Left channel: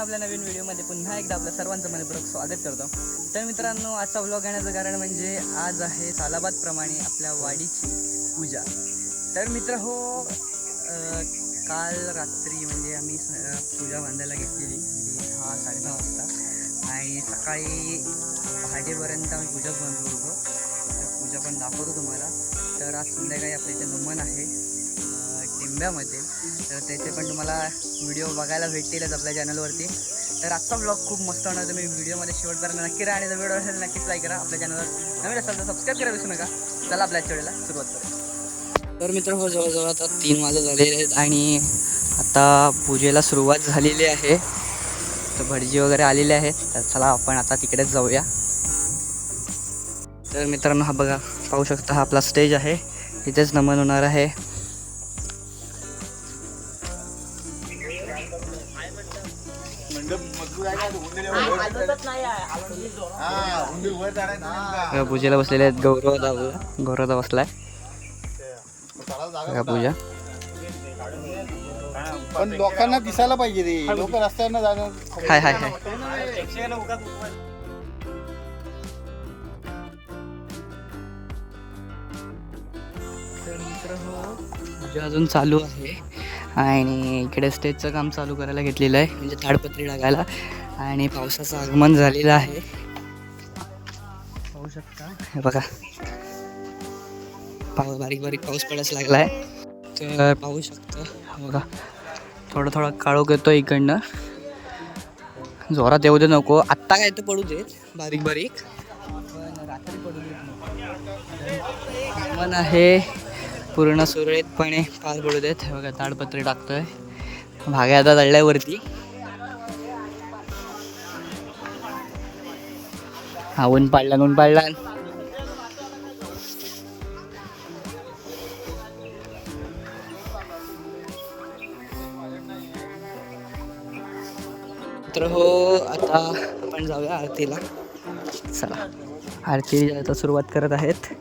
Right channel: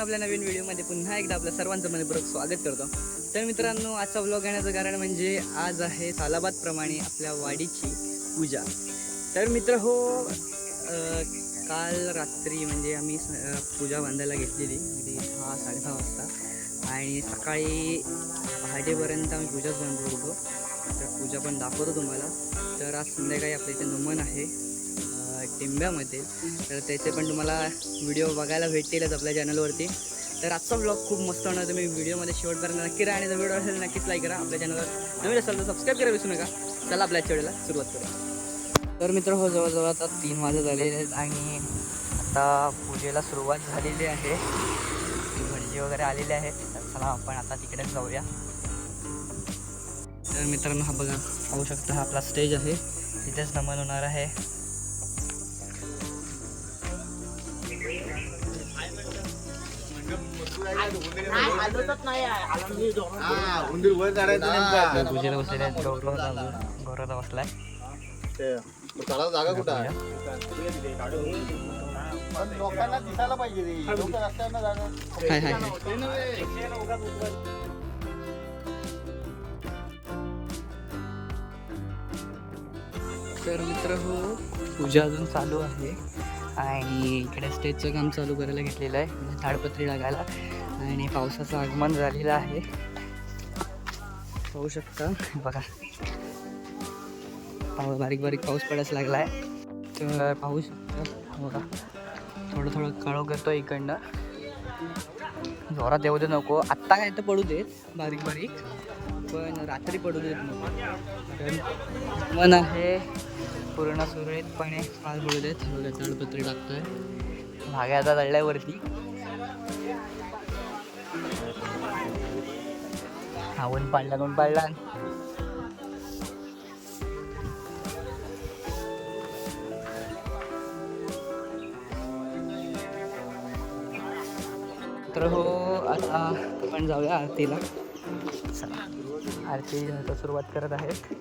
मित्रांनो आपल्या नवीन व्हिडिओमध्ये पुन्हा एकदा आपल्या सर्वांचं मनपूर्वक स्वागत करतो. तर मित्रांनो आजचा ब्लॉग येण्याचं कारण म्हणजे आज आहे सालाबादप्रमाणे आपल्या वाडीची पूजा. तर मित्र हो काल रात्री म्हणजे आम्ही पूजा बांधायला घेतलेली. अगदी दहा साडेदहा वाजता. आणि सकाळी पहाटेपर्यंत आम्ही पूजाच बांधत होतो. तर पूजा पण दाखवतो तुम्हाला. तर आज संध्याकाळी आपल्या इथे नमन आहे. टिंब्यामध्ये तर त्याचे पण तुम्हाला व्हिडिओ बघायला भेटतीलच आपल्या चॅनलवरती. तर आजचा ब्लॉग खूप मस्त होणार तुम्ही व्हिडिओमध्ये शेवटपर्यंत नक्की राहा आणि जर व्हिडिओ असेल नक्कीच लाईक करा. आपल्या चॅनलवर नवीन असाल तर सबस्क्राईब करा विसरू नका. चला आपल्या वेळेला सुरुवात करूया. तर मित्र हो जवळजवळ आता तीन वाजे झालेले आहेत आणि आता पूजेला सुरुवात झालेली आहे. तर भटजी वगैरे आलेले आहेत. तर चला आपण आता तिकडेच जाऊया. तर मित्रांनो हा बघा पाहू शकता हा आपला स्टेज आहे. तिथेच नमन होणार आहे. पूजेला बसलेले आहेत गौरव गौरव बसलाय. बघा पूजा. पण लोकांना दिसायला पाहिजे रे. लोक रस्त्यावर जाणं हाय हाय हाय. तर मित्र हो पूजा अजून चालू आहे. आणि इकडे स्टेजचं काम चालू करायला घेतलेलं आहे. म्हणजे ताडपत्री टाकायला आणि पावसाचं आगमन झालेलं आहे. पाहू शकता. हे बघा. पाऊ बारीक बारीक पाऊस पडायला लागला आहे तर पाहू शकता. बघा. थोडं थोडं काळोख येतो इकडनं. जोरात येऊ दे नको. आत्ता काय तर पडू देत. बारीक बारीक. पण रात्री पडू देत नको. मन आहे पूर्ण सुरळीतपणे पार पडू देत. हे बघा ताडपत्री टाकतोय. भाग्या आता दळल्यावरती हा ऊन पाडला ऊन पाडला तर हो आता आपण जाऊया आरतीला. चला. आरती आता सुरुवात करत आहेत.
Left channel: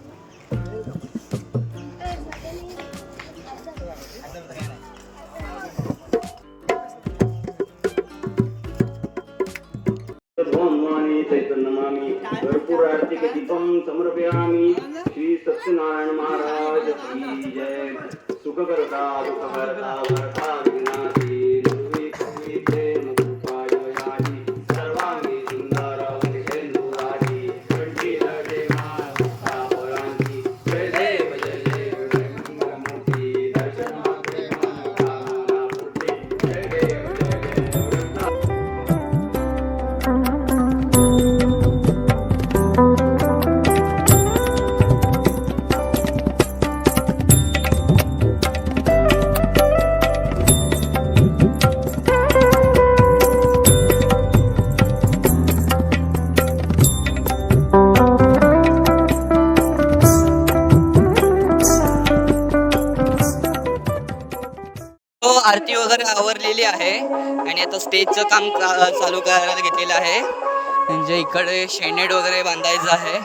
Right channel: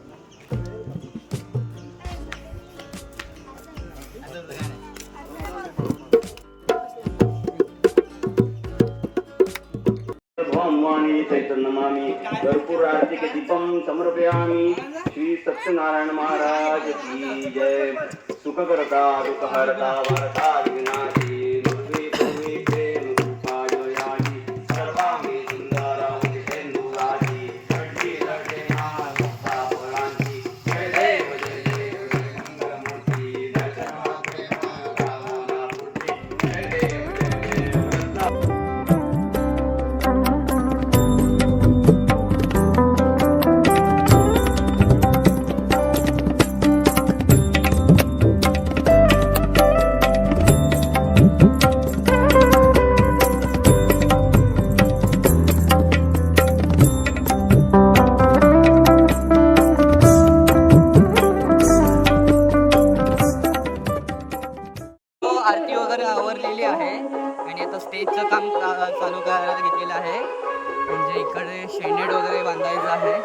म्हणजे इकडे शेनेड वगैरे बांधायचं आहे.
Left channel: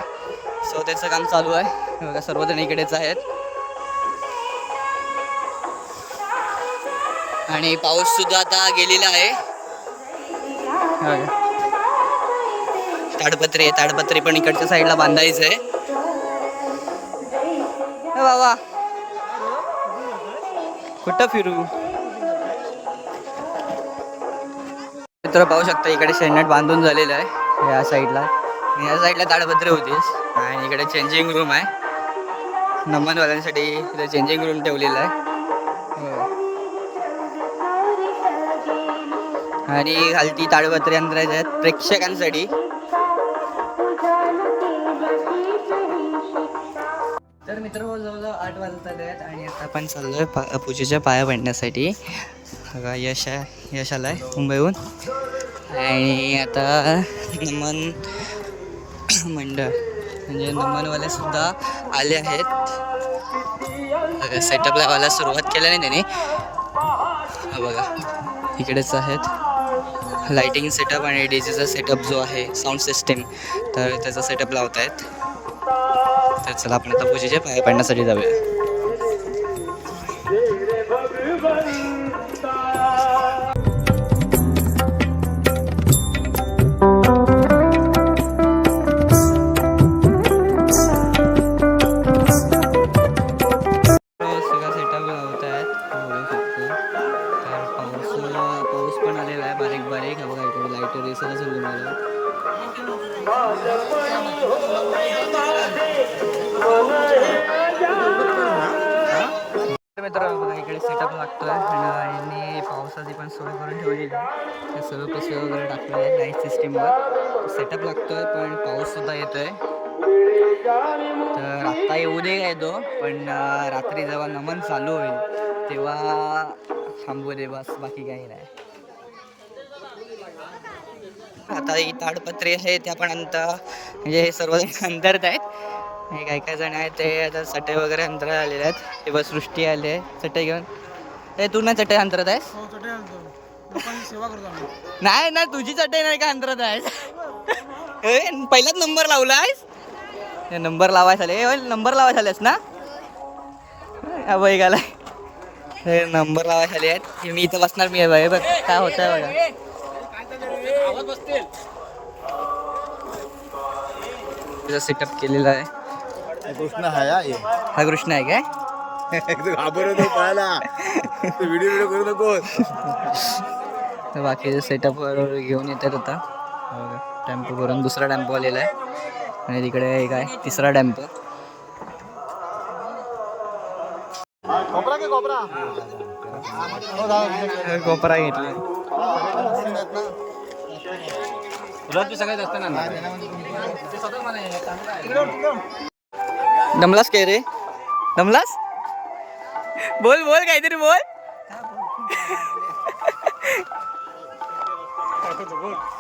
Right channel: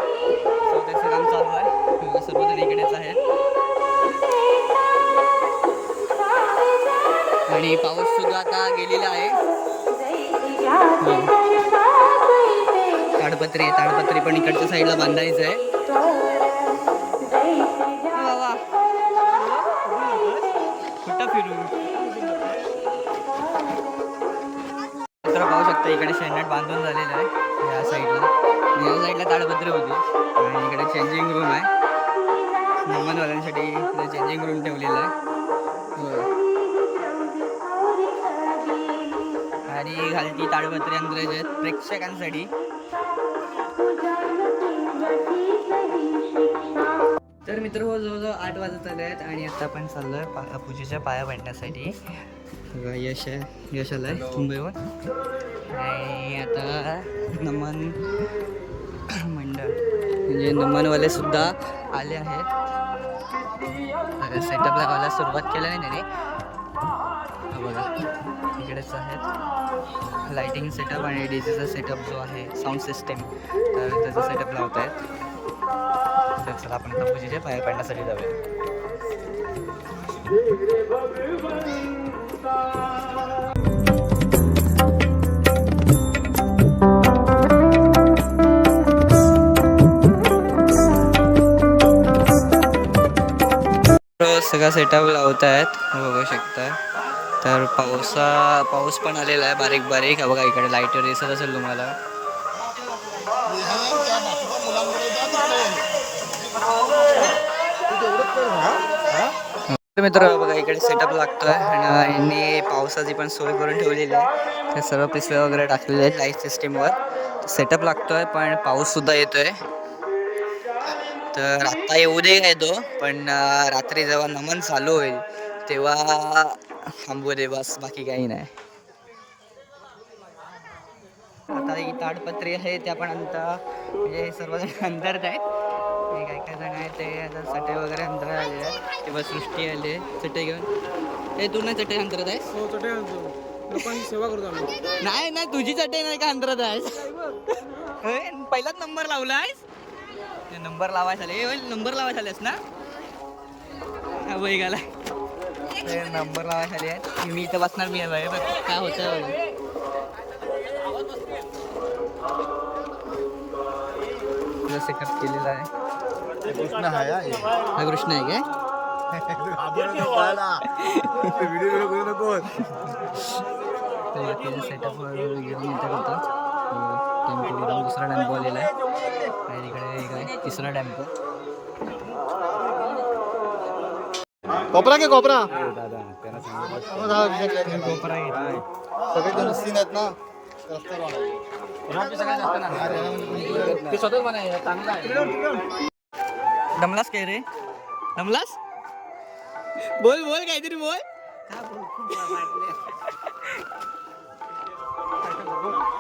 सो त्याचं काम चालू आहे. बघा सर्वजण इकडेच आहेत. आणि पाऊस सुद्धा आता गेलेला आहे. ताडपत्री आहे ताडपत्री पण इकडच्या साईडला बांधायचं आहे बाबा. कुठं फिरू? मित्र पाहू शकता इकडे शेणनेट बांधून झालेलं आहे. या साईडला. या साईडला ताडपत्री होतीस. आणि इकडे चेंजिंग रूम आहे. नमनवाल्यांसाठी इथे चेंजिंग रूम ठेवलेला आहे. हो. आणि खालती ताडपत्री अंतरायचे आहेत प्रेक्षकांसाठी. तर मित्र हो जवळजवळ आठ वाजत आले आहेत आणि आता आपण आहे पा पूजेच्या पाया पडण्यासाठी. बघा यश आहे. यश आहे मुंबईहून. आणि आता नमन मंडळ म्हणजे नमनवाले सुद्धा आले आहेत. सेटअप लावायला सुरुवात केली नाही त्याने बघा इकडेच आहेत. लाइटिंग सेटअप आणि डीजेचा सेटअप जो आहे साऊंड सिस्टीम तर त्याचा सेटअप लावत आहेत. तर चला आपण आता पूजेच्या पाया पडण्यासाठी जाऊया. सेटअप लावतायत. बघू शकते. तर पावसा पाऊस पण आलेला आहे बारीक बारीक. बघा इकडे लाइट दिसत असेल तुम्हाला. मित्र बघा इकडे सेटअप लागतोय. आणि यांनी पावसाची पण सोय करून ठेवलेली आहे. सर्व पिशव्या वगैरे टाकलेले आहेत लाइट सिस्टीमवर सेटअप लागतोय पण पाऊस सुद्धा येतोय. तर आत्ता येऊ दे काय तो पण रात्री जेव्हा नमन चालू होईल तेव्हा थांबू दे बस बाकी काही नाही. आता ही ताडपत्री आहे त्या पण अंत म्हणजे हे सर्वजण अंतरत आहेत. हे काही काही जण आहेत ते आता चटई वगैरे अंतरात आलेले आहेत. ते बस सृष्टी आले आहे. चटई घेऊन. ते तू ना चटई अंतरत आहेस? हो आणतो लोकांची सेवा करतो आम्ही. नाही नाही तुझी चटई नाही का अंतरात आहेस? ए, पहिलाच नंबर लावला आहेस? नंबर लावायचा आले. ए, नंबर लावायचा आलेस ना? हा बाई गाला हे नंबर लावायचे आले आहेत मी इथं बसणार मी आहे बाई बघ काय होत आहे बघा सेटअप केलेला आहे. कृष्ण हा या. हा कृष्ण आहे काय? व्हिडिओ व्हिडिओ करू नको तर बाकीचे सेटअप घेऊन येतात आता. टेम्पो करून दुसरा टेम्पो आलेला आहे. आणि तिकडे एक आहे तिसरा टेम्पो कोपरा के कोपरा? हो? कोपरा घेतलाय दमलास काय रे? दमलास बोल बोल काहीतरी बोल.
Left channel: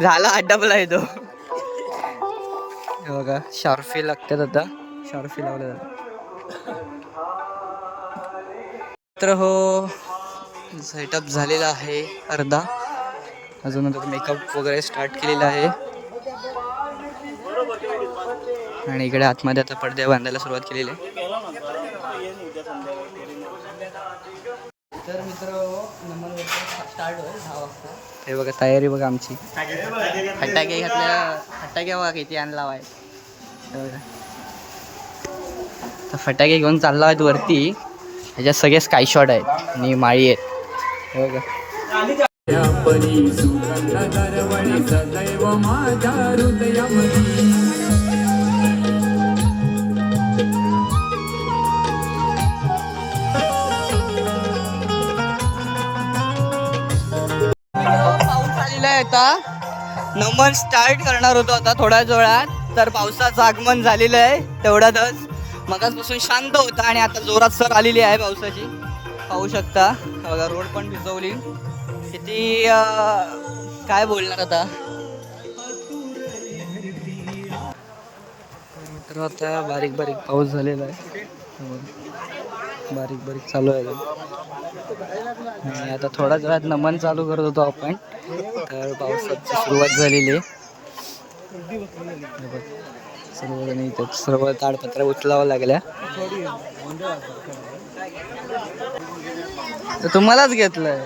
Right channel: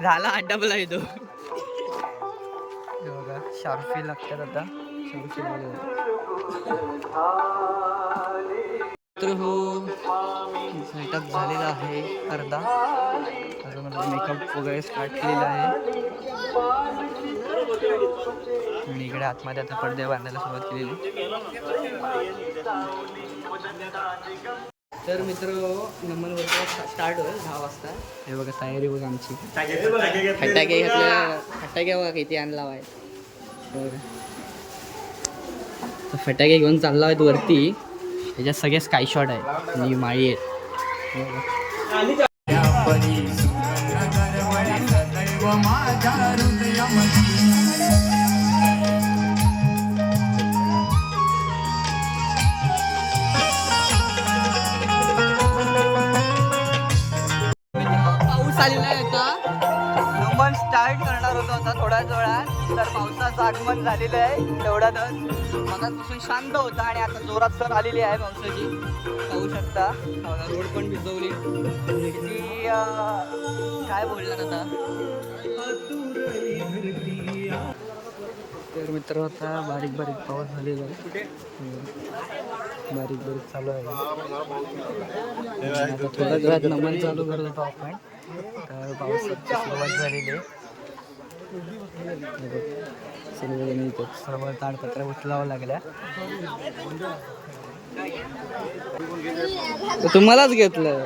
झाला अड्डा बोला येतो हे बघा शार्फी लागतात आता. शार्फी लावलं तर हो सेटअप झालेला आहे अर्धा. अजून मेकअप वगैरे स्टार्ट केलेला आहे. आणि इकडे आतमध्ये आता पडदे बांधायला सुरुवात केलेली आहे. तर मित्र नंबर वरती स्टार्ट होईल दहा वाजता. हे बघा तयारी बघा आमची. फटाके घातल्या फटाके बघा किती आणला आहे बघा. तर फटाके घेऊन चालला आहेत वरती. ह्याच्यात सगळे स्काय शॉट आहेत. आणि माळी आहेत. हे बघा. आता नमन स्टार्ट करणार होतो आता थोड्याच वेळात तर पावसाचं आगमन झालेलं आहे तेवढ्यातच. मगाचपासून शांत होता आणि आता जोरात सर आलेली आहे पावसाची. पाहू शकता. बघा रोड पण भिजवली किती काय बोलणार आता? तर मित्र आता बारीक बारीक पाऊस झालेला आहे. बारीक बारीक चालू आहे. आता थोड्याच वेळात नमन चालू करत होतो आपण. तर पावसाची सुरुवात झालेली आहे. सर्वजण सर्व ताडपत्र उचलावं लागल्या. तर तुम्हालाच घेतलंय.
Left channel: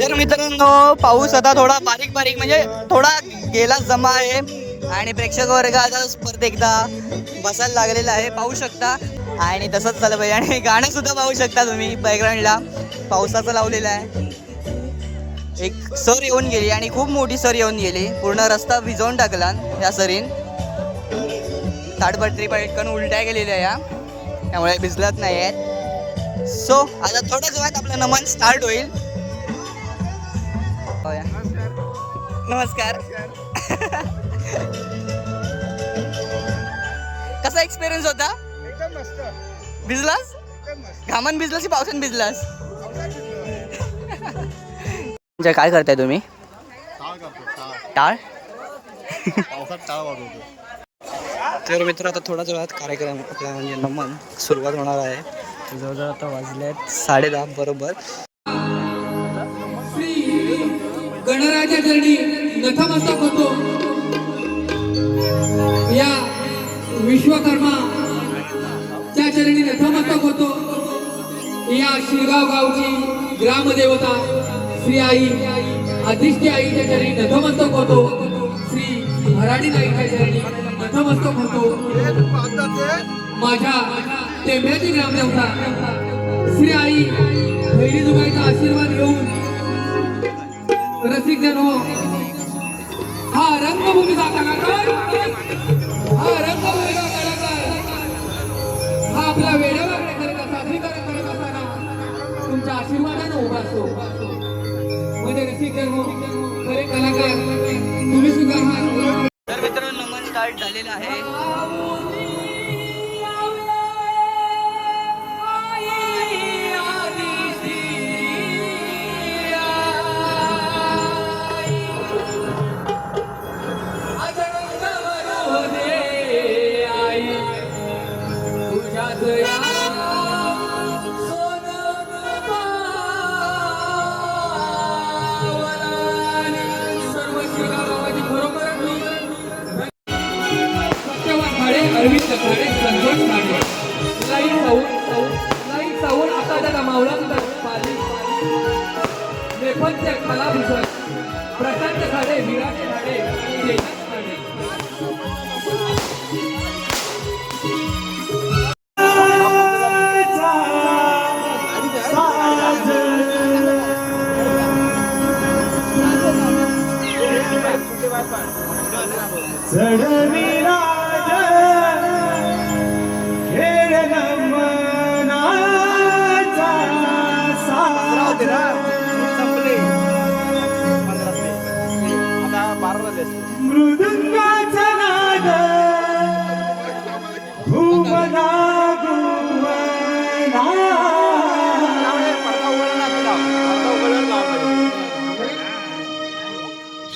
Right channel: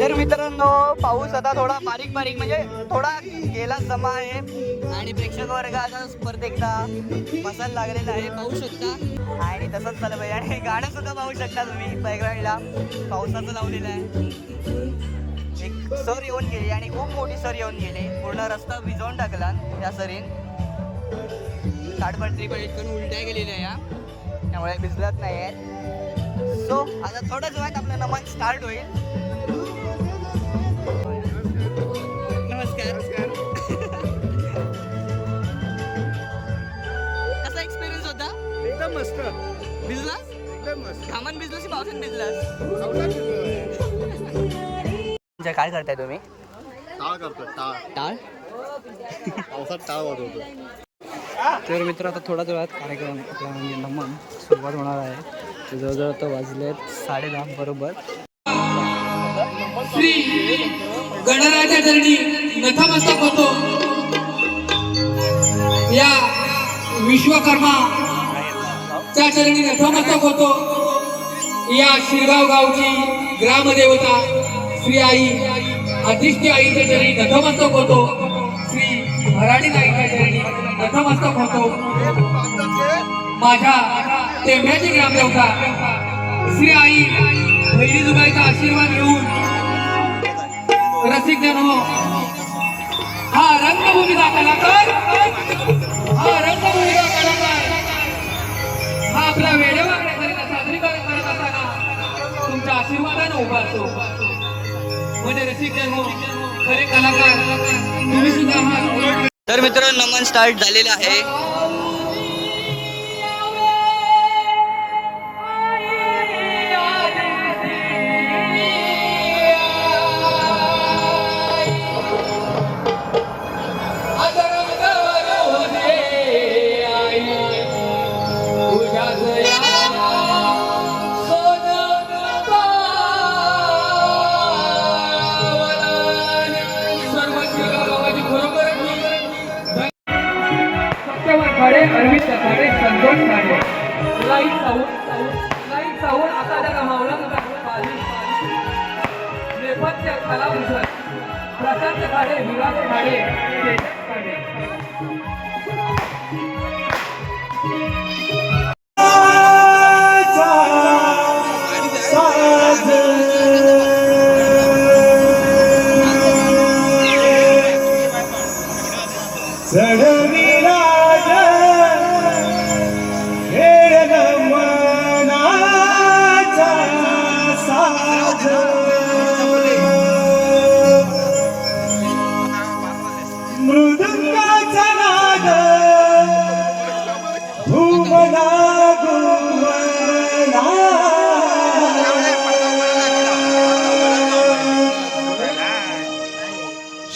तर मित्रांनो पाऊस आता थोडा बारीक बारीक म्हणजे थोडा गेला जमा आहे. आणि प्रेक्षक वर्ग आता परत एकदा बसायला लागलेला आहे. पाहू शकता. आणि तसंच चालू पाहिजे. आणि गाणं सुद्धा पाहू शकता तुम्ही बॅकग्राऊंडला पावसाचं लावलेलं आहे. एक सर येऊन गेली आणि खूप मोठी सर येऊन गेली. पूर्ण रस्ता भिजवून टाकला या सरीन. ताडपत्री पटकन उलट्या गेलेल्या या. त्यामुळे भिजलत नाही आहेत सो आता थोड्याच वेळात आपलं नमन स्टार्ट होईल. नमस्कार. कसा एक्सपिरियन्स होता? एकदम मस्त. भिजलास? एकदम मस्त. घामान भिजलास की पावसाने भिजलास? म्हणजे काय करताय तुम्ही? टाळ करतो टाळ. टाळ? पावसात टाळ वाजवतो तर मित्र आता थोड्याच वेळात कार्यक्रम आपला म्हणजे नमन सुरुवात होणार आहे. तर जवळजवळ आता वाजले आहेत साडेदहा बरोबर. श्री गणराजा चरणी नतमस्तक होतो. या विश्वकर्मा च्या चरणी नतमस्तक होतो. या शिरगाव गावची ग्रामदेवता श्री आई अधिष्ठी आईच्या चरणी नतमस्तक होतो. श्री भराडी आईच्या चरणी नतमस्तक होतो. माझ्या टेंभ्याची ग्रामदेवता श्री आई पहिली जुगाईचा आशीर्वाद घेऊन. रसिक जन हो हा रंगभूमीचा कलाकार हा रंगभूमीचा कलाकार हा आपल्या वेडेवाकडे सादरीकरण करत असताना तुमच्या आशीर्वादाने उभा असतो. म्हणजे रसिक खरे कलाकार तुम्ही सुद्धा तर मित्रांनो नमन स्टार्ट झालेलं आहे. नेपथ्य कलाभूषण प्रशांत खाडे विराट खाडे तेजस खाडे.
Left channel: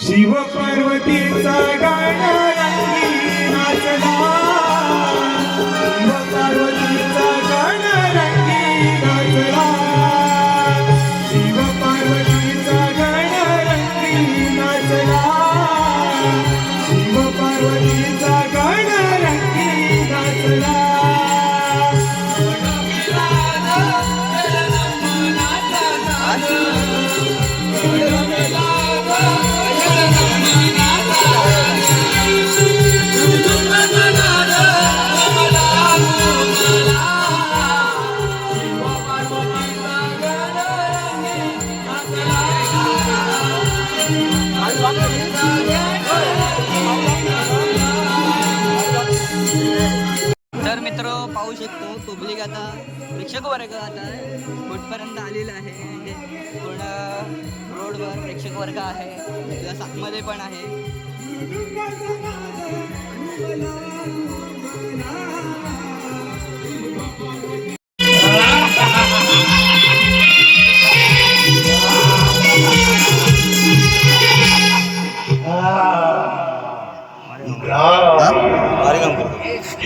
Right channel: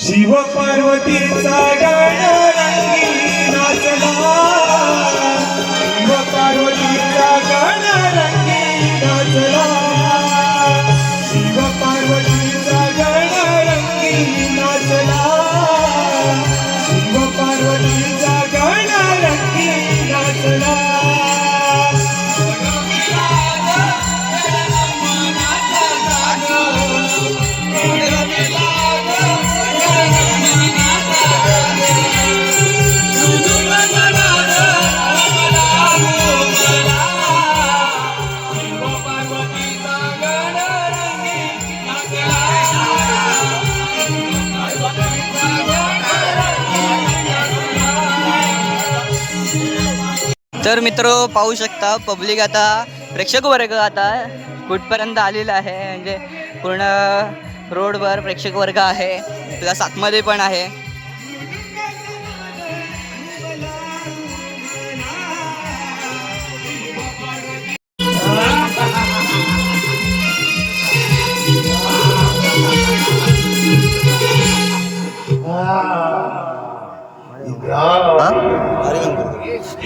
शिव पार्वतीचा गाणं मित्र पाहू शकता पब्लिक आता प्रेक्षक वर्ग आता कुठपर्यंत आलेला आहे म्हणजे पूर्ण रोडवर प्रेक्षक वर्ग आहे प्लस आतमध्ये पण आहे.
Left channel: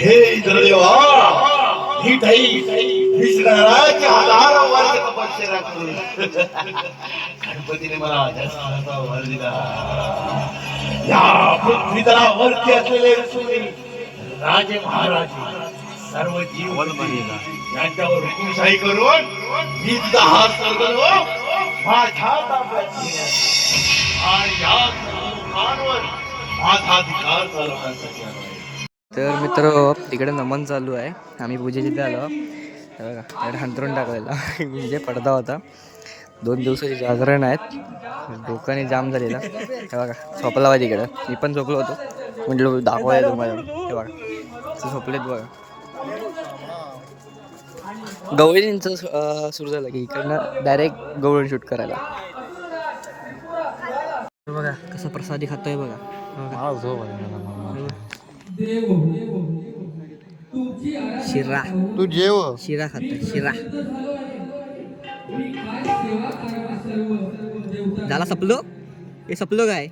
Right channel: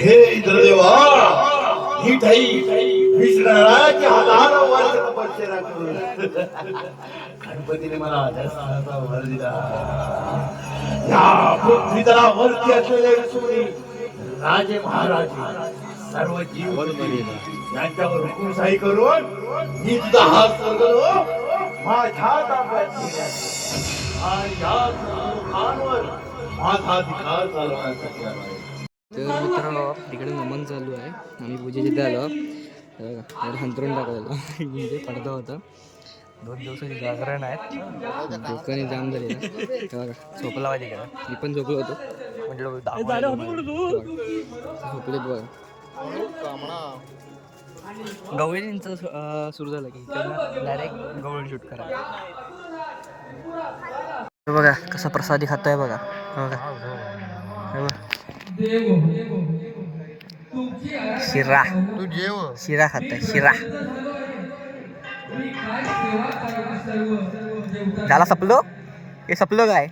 हे इंद्रदेवा ही ठाई विष्णुराची हजार वर्ष तपश्चर्या करून गणपतीने मला जास्त वर दिला. या पृथ्वीतलावरती असलेले रसुरी राजे महाराजे सर्व जीव यांच्यावर हुकुमशाही करून मी हात करतो माझ्या ताब्यात आणि या सर्व लोकांवर माझा अधिकार चालवण्यासाठी. तर मित्र तिकडे नमन चालू आहे. आम्ही पूजे तिथे आलो. बघा तिकडे हंतरून टाकलेला. म्हणजे पडदा होता. दोन दिवसाचे जागरण आहेत. डोकाने जाम झालेला. हे बघा झोपला पाहिजे तिकडं. मी पण झोपलो होतो. म्हटलं दाखवायला तुम्हाला. हे बघा झोपलेत बघा. गवळींचं सुरू झालं की इकडनं डायरेक्ट गवळण शूट करायला. बघा कसा प्रसादी खाताय बघा. बघा. बघा. शिरा. तू जेव. शिरा खाता शिरा. झाला सपलो? हे सपलो काय?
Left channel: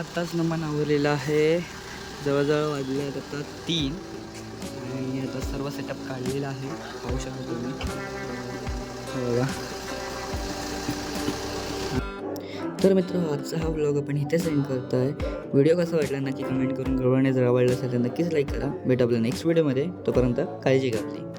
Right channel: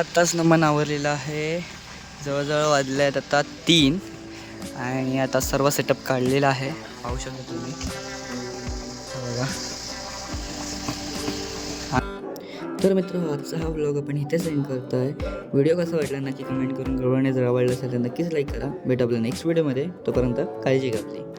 आत्ताच नमन आवरलेलं आहे. जवळजवळ वाजले आहेत आता तीन. आणि आता सर्व सेटअप काढलेला आहे. पाहू शकता तुम्ही. बघा. तर मित्र आजचा हा ब्लॉग आपण इथेच एंड करतो आहे व्हिडिओ कसा वाटला नक्की कमेंट करून कळवणे जर आवडलं असेल तर नक्कीच लाईक करा. भेट आपल्या नेक्स्ट व्हिडिओमध्ये तोपर्यंत काळजी घ्या आपली.